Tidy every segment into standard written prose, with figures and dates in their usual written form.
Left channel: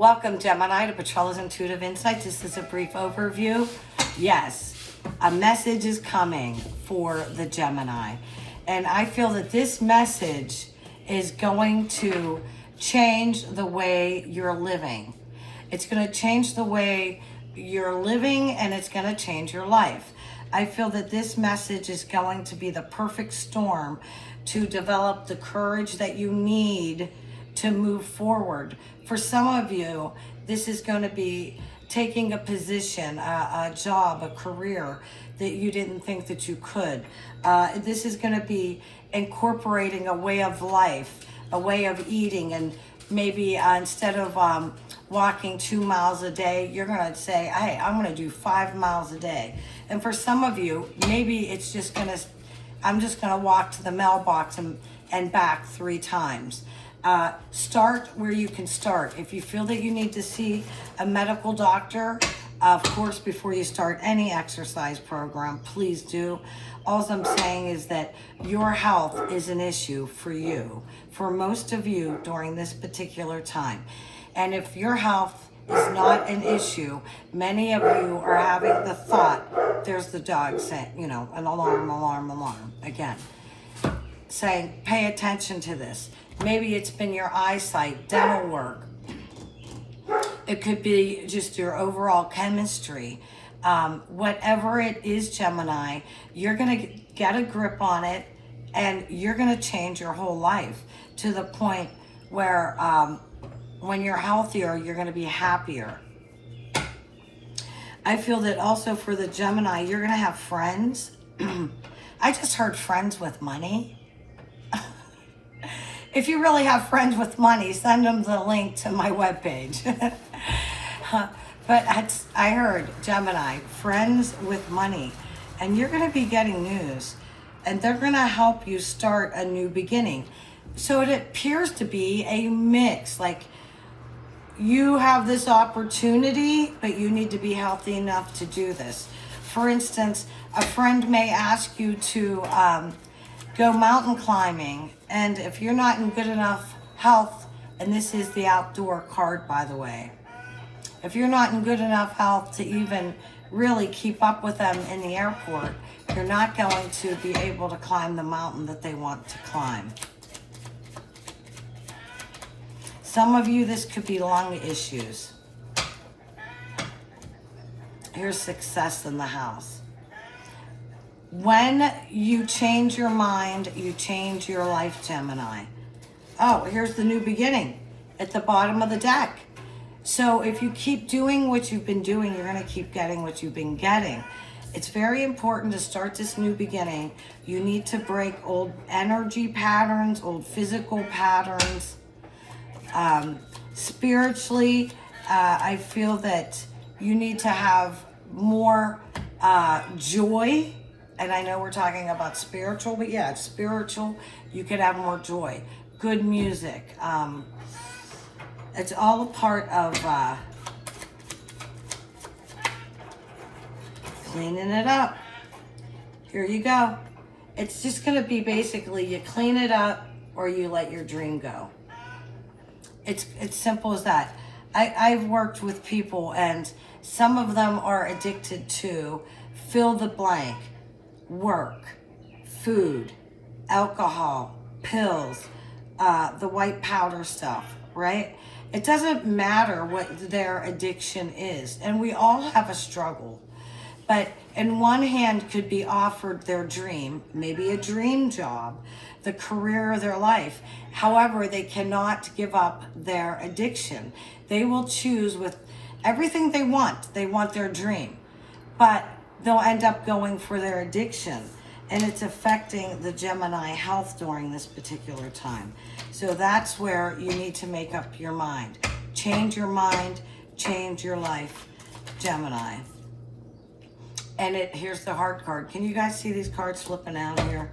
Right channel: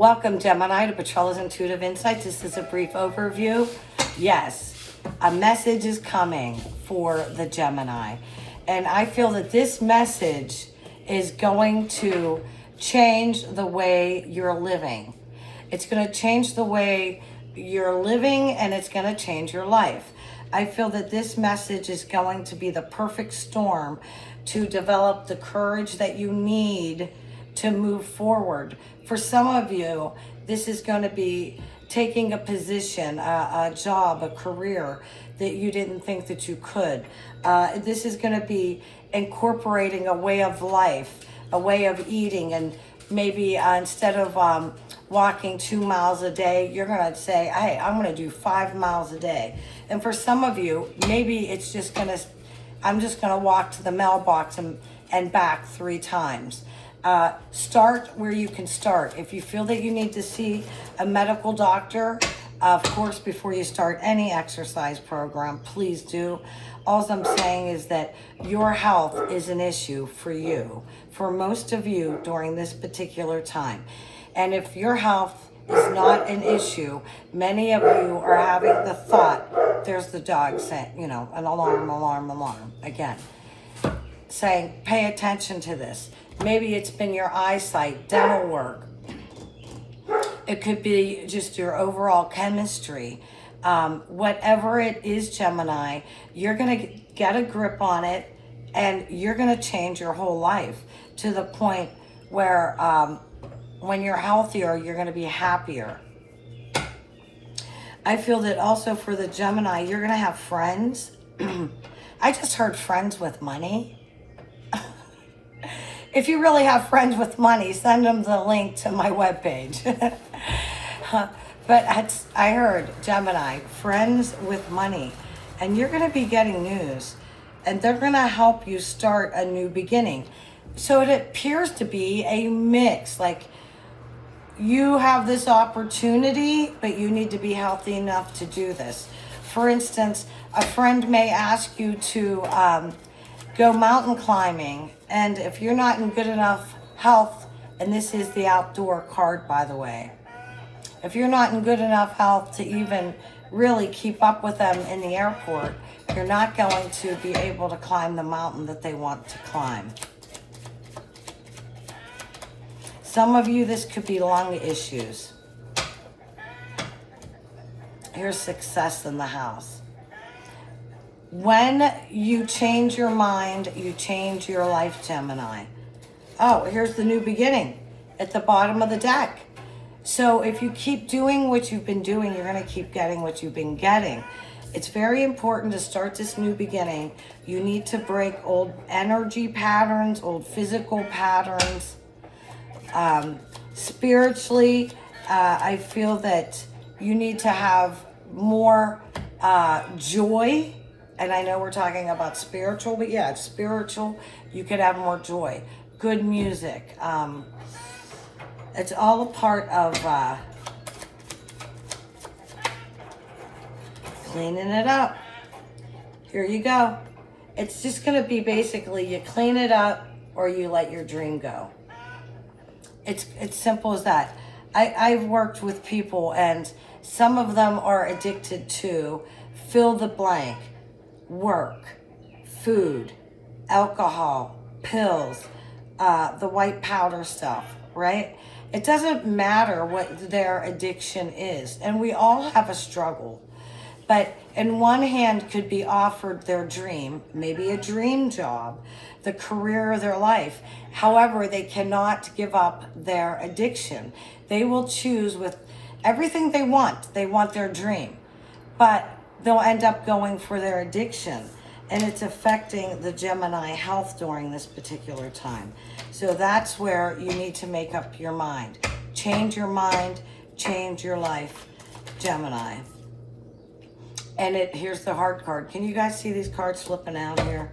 Welcome, Gemini, to Petrella's Intuitive Insights. This is a brief overview. Yes, a message is coming for the Gemini. And I feel that this message is going to change the way you're living. It's going to change the way you're living, and it's going to change your life. I feel that this message is going to be the perfect storm to develop the courage that you need to move forward. For some of you, this is going to be taking a position, a job, a career that you didn't think that you could. This is going to be incorporating a way of life, a way of eating, and maybe instead of walking 2 miles a day, you're going to say, hey, I'm going to do 5 miles a day. And for some of you, maybe it's just going to, I'm just going to walk to the mailbox and back 3 times. Start where you can start. If you feel that you need to see a medical doctor, of course, before you start any exercise program, please do. All I'm saying is that your health is an issue for you, for most of you during this particular time. And if your health is not an issue, many of you are having the thought, there's the dog saying, you know, an alarm, alarm, alarm, again, saying, pay attention to this. Maybe it's been your eyesight, dental work. It could be just your overall chemistry. Whatever it is, Gemini, you're going to get a grip on it, and you're going to change your whole life to the point where when you're healthier, you're going to be happier. I feel that also for the Gemini, you're going to have friends. I just heard friends with money. If you really have friends with money, send them the link to my webpage. But I heard, Gemini, friends with money. And you're going to be getting news. And they're going to help you start a new beginning. So it appears to be a mix. Like, you have this opportunity, but you need to be healthy enough to do this. For instance, a friend may ask you to go mountain climbing, and if you're not in good enough health, and this is the outdoor card, by the way, if you're not in good enough health to even really keep up with them in the airport, you're not going to be able to climb the mountain that they want to climb. Some of you, this could be lung issues. Here's success in the house. When you change your mind, you change your life, Gemini. Oh, here's the new beginning at the bottom of the deck. So if you keep doing what you've been doing, you're going to keep getting what you've been getting. It's very important to start this new beginning. You need to break old energy patterns, old physical patterns. Spiritually, I feel that you need to have more joy. And I know we're talking about spiritual, but yeah, it's spiritual. You could have more joy. Good music. It's all a part of cleaning it up. Here you go. It's just going to be basically you clean it up or you let your dream go. It's simple as that. I've worked with people, and some of them are addicted to fill the blank. Work, food, alcohol, pills, the white powder stuff, right? It doesn't matter what their addiction is. And we all have a struggle. But in one hand could be offered their dream, maybe a dream job, the career of their life. However, they cannot give up their addiction. They will choose with everything they want. They want their dream. But they'll end up going for their addiction, and it's affecting the Gemini health during this particular time. So that's where you need to make up your mind. Change your mind, change your life, Gemini. And here's the heart card. Can you guys see these cards flipping out here?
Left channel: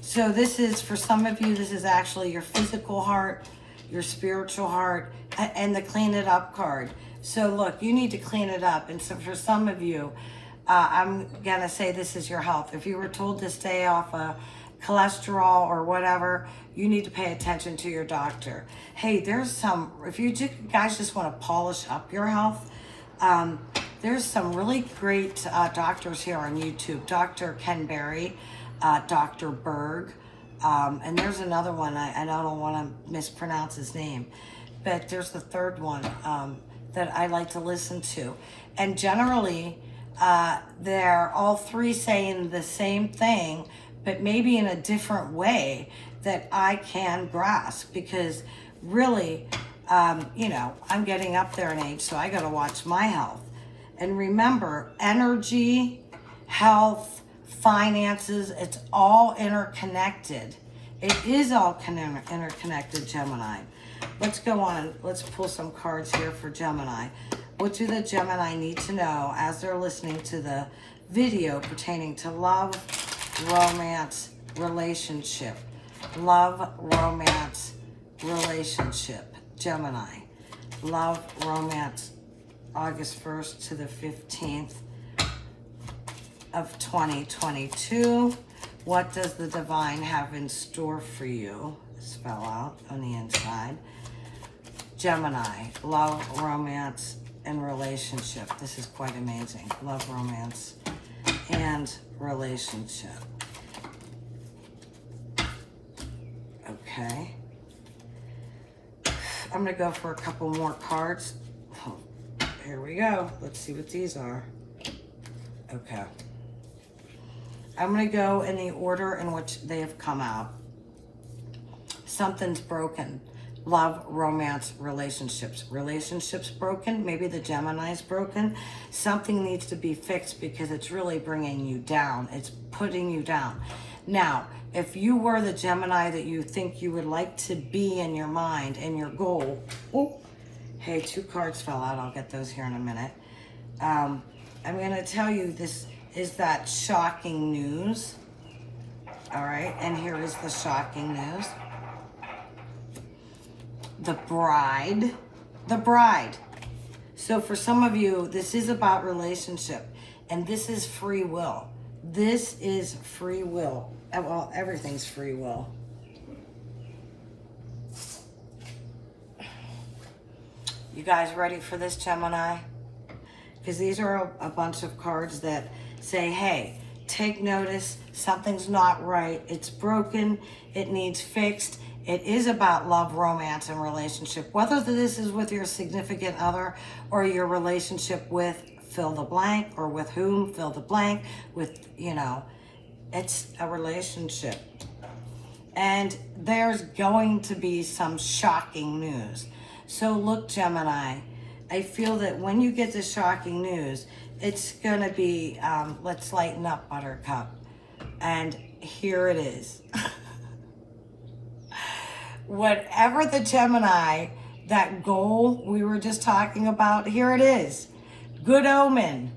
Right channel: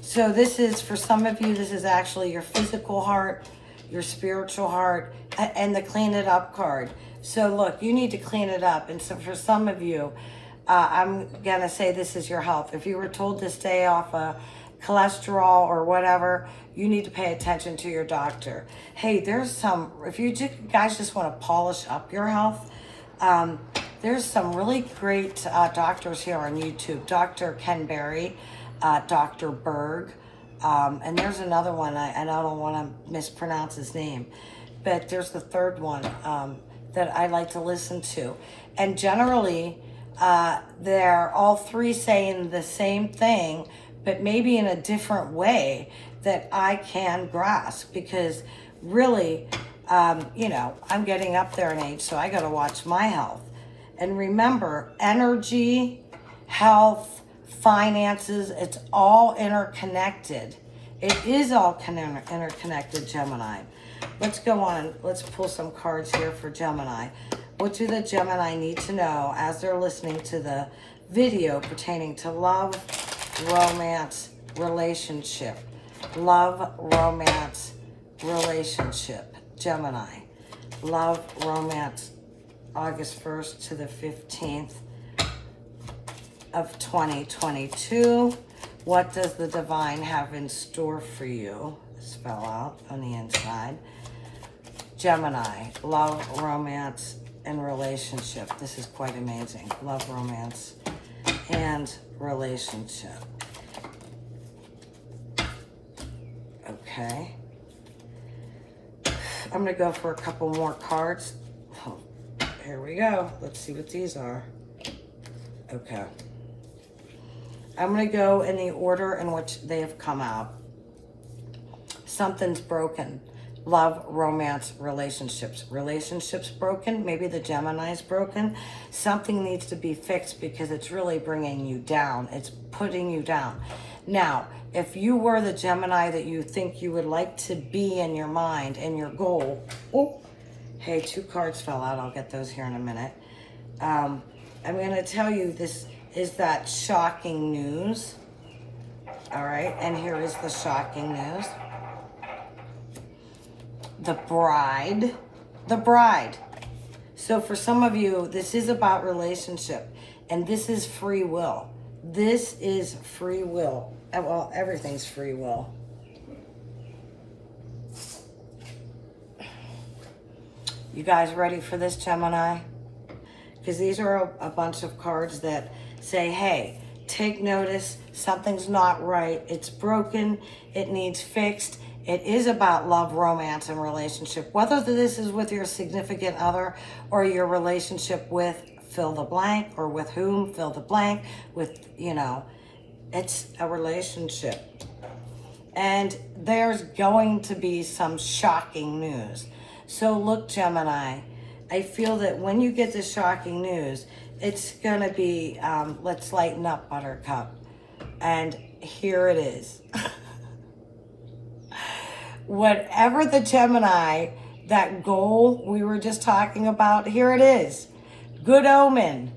So this is, for some of you, this is actually your physical heart, your spiritual heart, and the clean it up card. So look, you need to clean it up. And so for some of you, I'm going to say this is your health. If you were told to stay off cholesterol or whatever, you need to pay attention to your doctor. Hey, there's some, if you guys just want to polish up your health, there's some really great doctors here on YouTube. Dr. Ken Berry, Dr. Berg, and there's another one, and I don't want to mispronounce his name, but there's the third one that I like to listen to. And generally, they're all three saying the same thing, but maybe in a different way that I can grasp, because really, you know, I'm getting up there in age, so I got to watch my health. And remember, energy, health, finances, it's all interconnected. It is all interconnected, Gemini. Let's go on. Let's pull some cards here for Gemini. What do the Gemini need to know as they're listening to the video pertaining to love, romance, relationship? Love, romance, relationship. Gemini. Love, romance, August 1st to the 15th of 2022. What does the divine have in store for you? This fell out on the inside. Gemini, love, romance, and relationship. This is quite amazing. Love, romance, and relationship. Okay. I'm going to go for a couple more cards. Here we go. Let's see what these are. Okay. I'm going to go in the order in which they have come out. Something's broken. Love, romance, relationships. Relationships broken. Maybe the Gemini's broken. Something needs to be fixed because it's really bringing you down. It's putting you down. Now, if you were the Gemini that you think you would like to be in your mind and your goal. Oh, hey, 2 cards fell out. I'll get those here in a minute. I'm going to tell you this is that shocking news. All right, and here is the shocking news. The bride. The bride. So for some of you, this is about relationship, and this is free will. This is free will. Well, everything's free will. You guys ready for this, Gemini? Because these are a bunch of cards that say, hey, take notice, something's not right, it's broken, it needs fixed. It is about love, romance, and relationship. Whether this is with your significant other or your relationship with fill the blank, or with whom, fill the blank, with, you know, it's a relationship. And there's going to be some shocking news. So look, Gemini, I feel that when you get the shocking news, it's going to be, let's lighten up, Buttercup. And here it is. Whatever the Gemini, that goal we were just talking about, here it is. Good omen.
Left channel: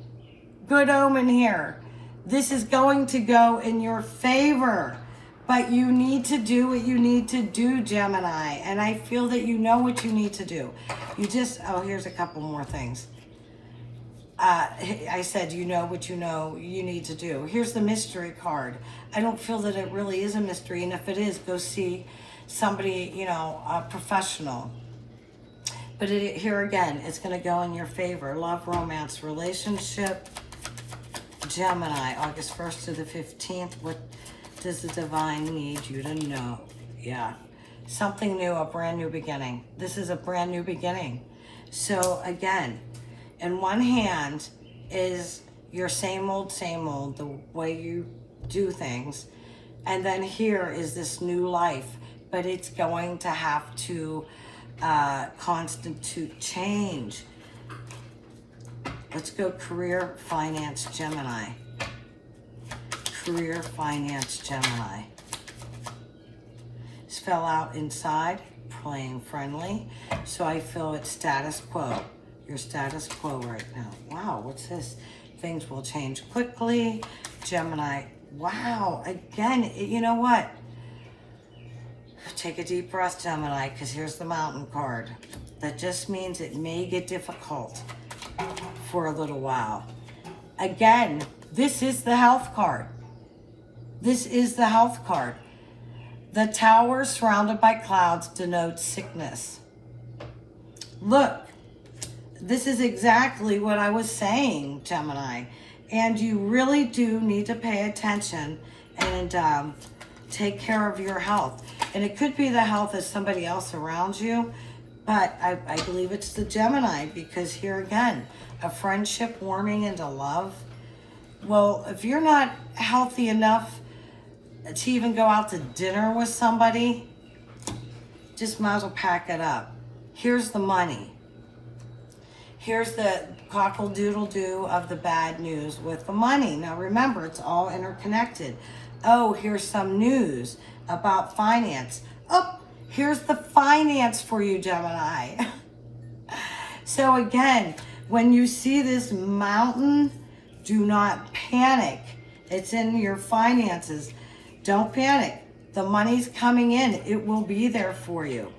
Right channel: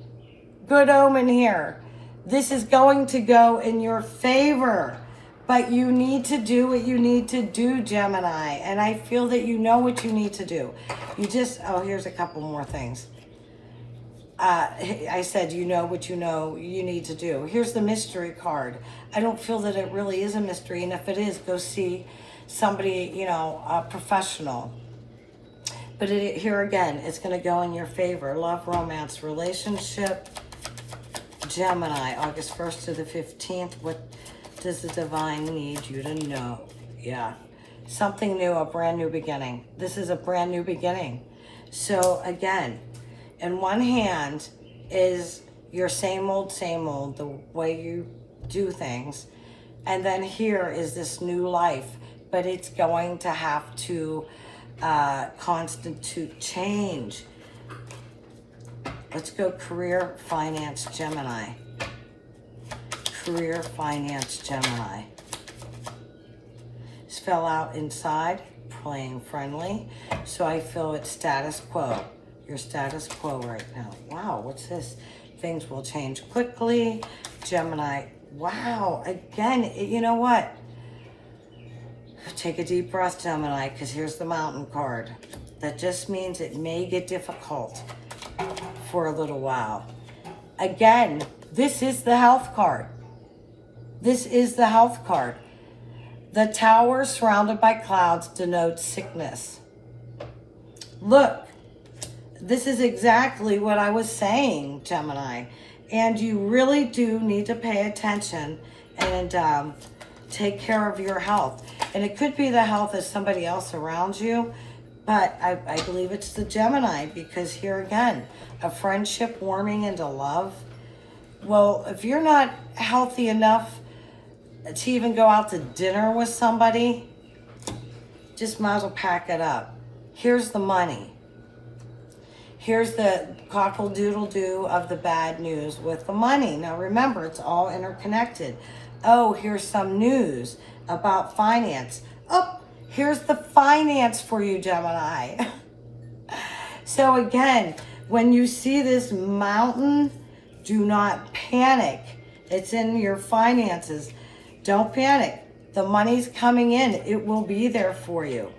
Good omen here. This is going to go in your favor. But you need to do what you need to do, Gemini. And I feel that you know what you need to do. You just, oh, here's a couple more things. I said, you know what you know you need to do. Here's the mystery card. I don't feel that it really is a mystery. And if it is, go see somebody, you know, a professional. But here again, it's going to go in your favor. Love, romance, relationship. Gemini, August 1st to the 15th. What does the divine need you to know? Yeah. Something new, a brand new beginning. This is a brand new beginning. So again, in one hand is your same old, the way you do things. And then here is this new life, but it's going to have to constitute change. Let's go career, finance, Gemini. Career, finance, Gemini. This fell out inside, playing friendly. So I feel it's status quo. Your status quo right now. Wow, what's this? Things will change quickly. Gemini, wow. Again, you know what? Take a deep breath, Gemini, because here's the mountain card. That just means it may get difficult for a little while. Again, this is the health card. This is the health card. The tower surrounded by clouds denotes sickness. Look, this is exactly what I was saying, Gemini. And you really do need to pay attention and take care of your health. And it could be the health of somebody else around you, but I believe it's the Gemini, because here again, a friendship warming into love. Well, if you're not healthy enough to even go out to dinner with somebody, just might as well pack it up. Here's the money. Here's the cockle-doodle-doo of the bad news with the money. Now remember, it's all interconnected. Oh, here's some news about finance. Oh, here's the finance for you, Gemini. So again, when you see this mountain, do not panic. It's in your finances. Don't panic. The money's coming in. It will be there for you.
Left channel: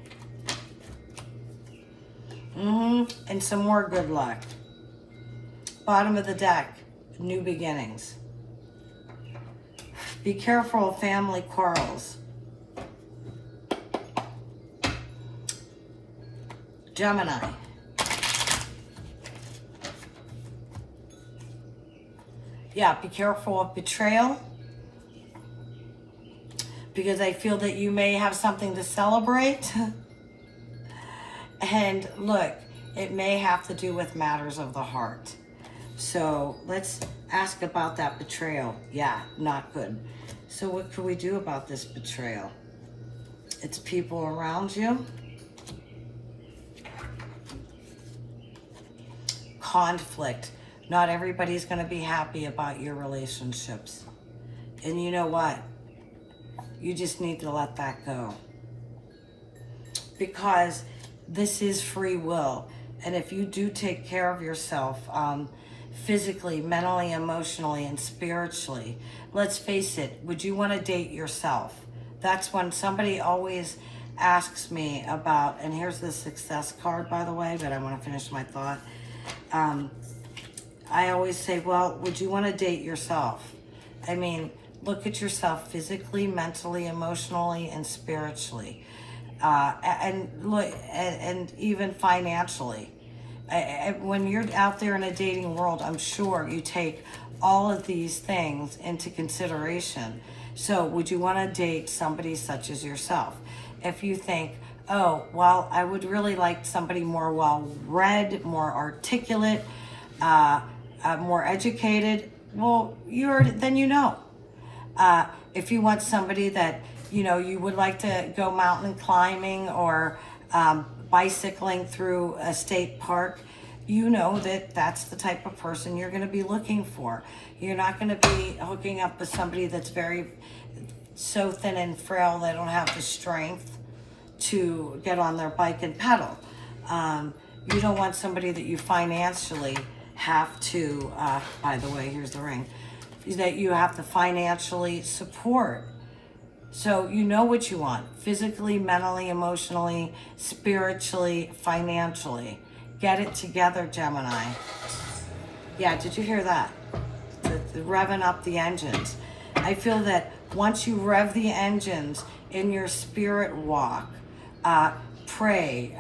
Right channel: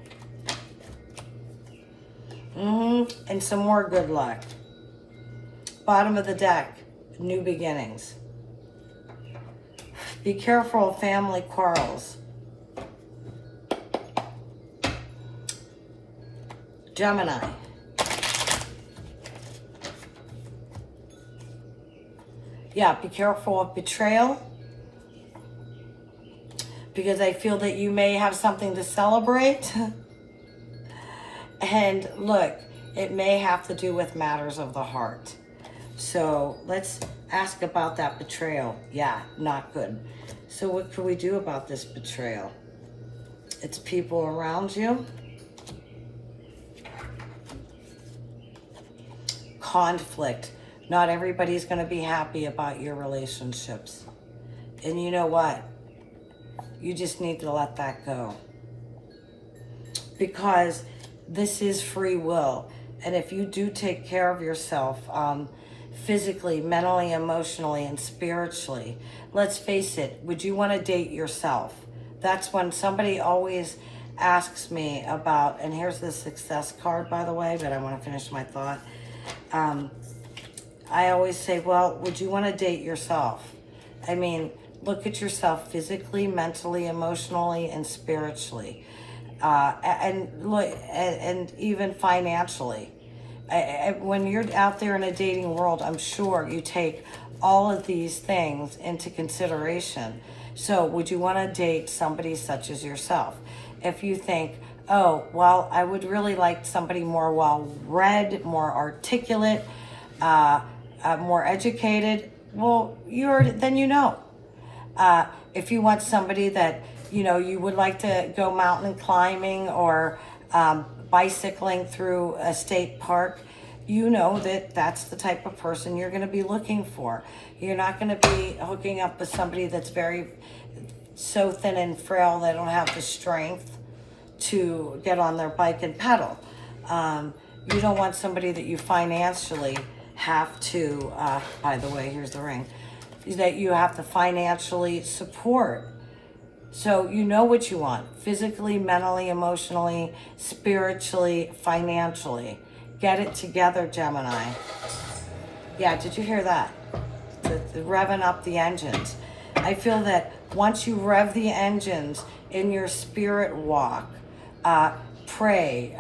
And some more good luck. Bottom of the deck, new beginnings. Be careful of family quarrels. Gemini. Yeah, be careful of betrayal, because I feel that you may have something to celebrate. And look, it may have to do with matters of the heart. So let's ask about that betrayal. Yeah, not good. So what can we do about this betrayal? It's people around you. Conflict. Not everybody's going to be happy about your relationships. And you know what? You just need to let that go. Because this is free will. And if you do take care of yourself, physically, mentally, emotionally, and spiritually, let's face it, would you want to date yourself? That's when somebody always asks me about, and here's the success card, by the way, but I want to finish my thought. I always say, well, would you want to date yourself? I mean, look at yourself physically, mentally, emotionally, and spiritually. And even financially. When you're out there in a dating world, I'm sure you take all of these things into consideration. So would you want to date somebody such as yourself? If you think, oh, well, I would really like somebody more well-read, more articulate, more educated, well, then you know. If you want somebody that, you would like to go mountain climbing or bicycling through a state park, you know that that's the type of person you're going to be looking for. You're not going to be hooking up with somebody that's so thin and frail they don't have the strength to get on their bike and pedal. You don't want somebody that you financially have to, by the way, here's the ring, that you have to financially support. So you know what you want, physically, mentally, emotionally, spiritually, financially. Get it together, Gemini. Yeah, did you hear that? The revving up the engines. I feel that once you rev the engines in your spirit walk, pray,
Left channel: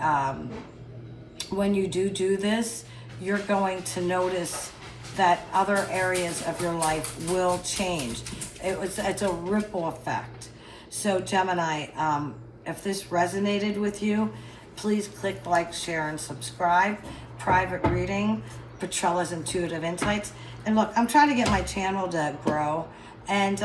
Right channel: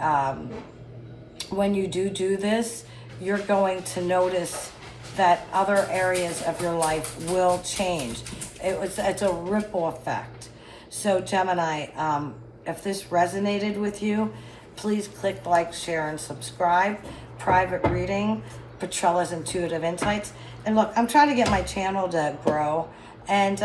when you do this, you're going to notice that other areas of your life will change. It's a ripple effect. So Gemini, if this resonated with you, please click like, share, and subscribe. Private reading, Petrella's Intuitive Insights. And look, I'm trying to get my channel to grow, and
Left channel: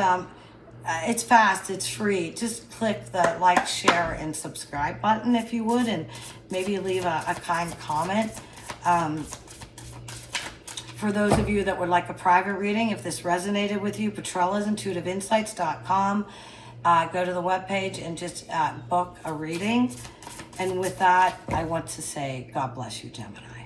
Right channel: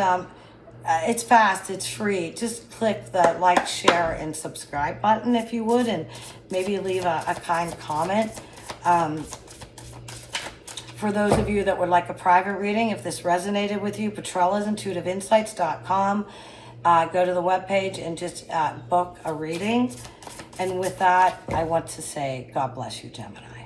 it's fast, it's free. Just click the like, share, and subscribe button if you would, and maybe leave a kind comment. For those of you that would like a private reading, if this resonated with you, Petrella'sIntuitiveInsights.com. Go to the webpage and just book a reading. And with that, I want to say, God bless you, Gemini.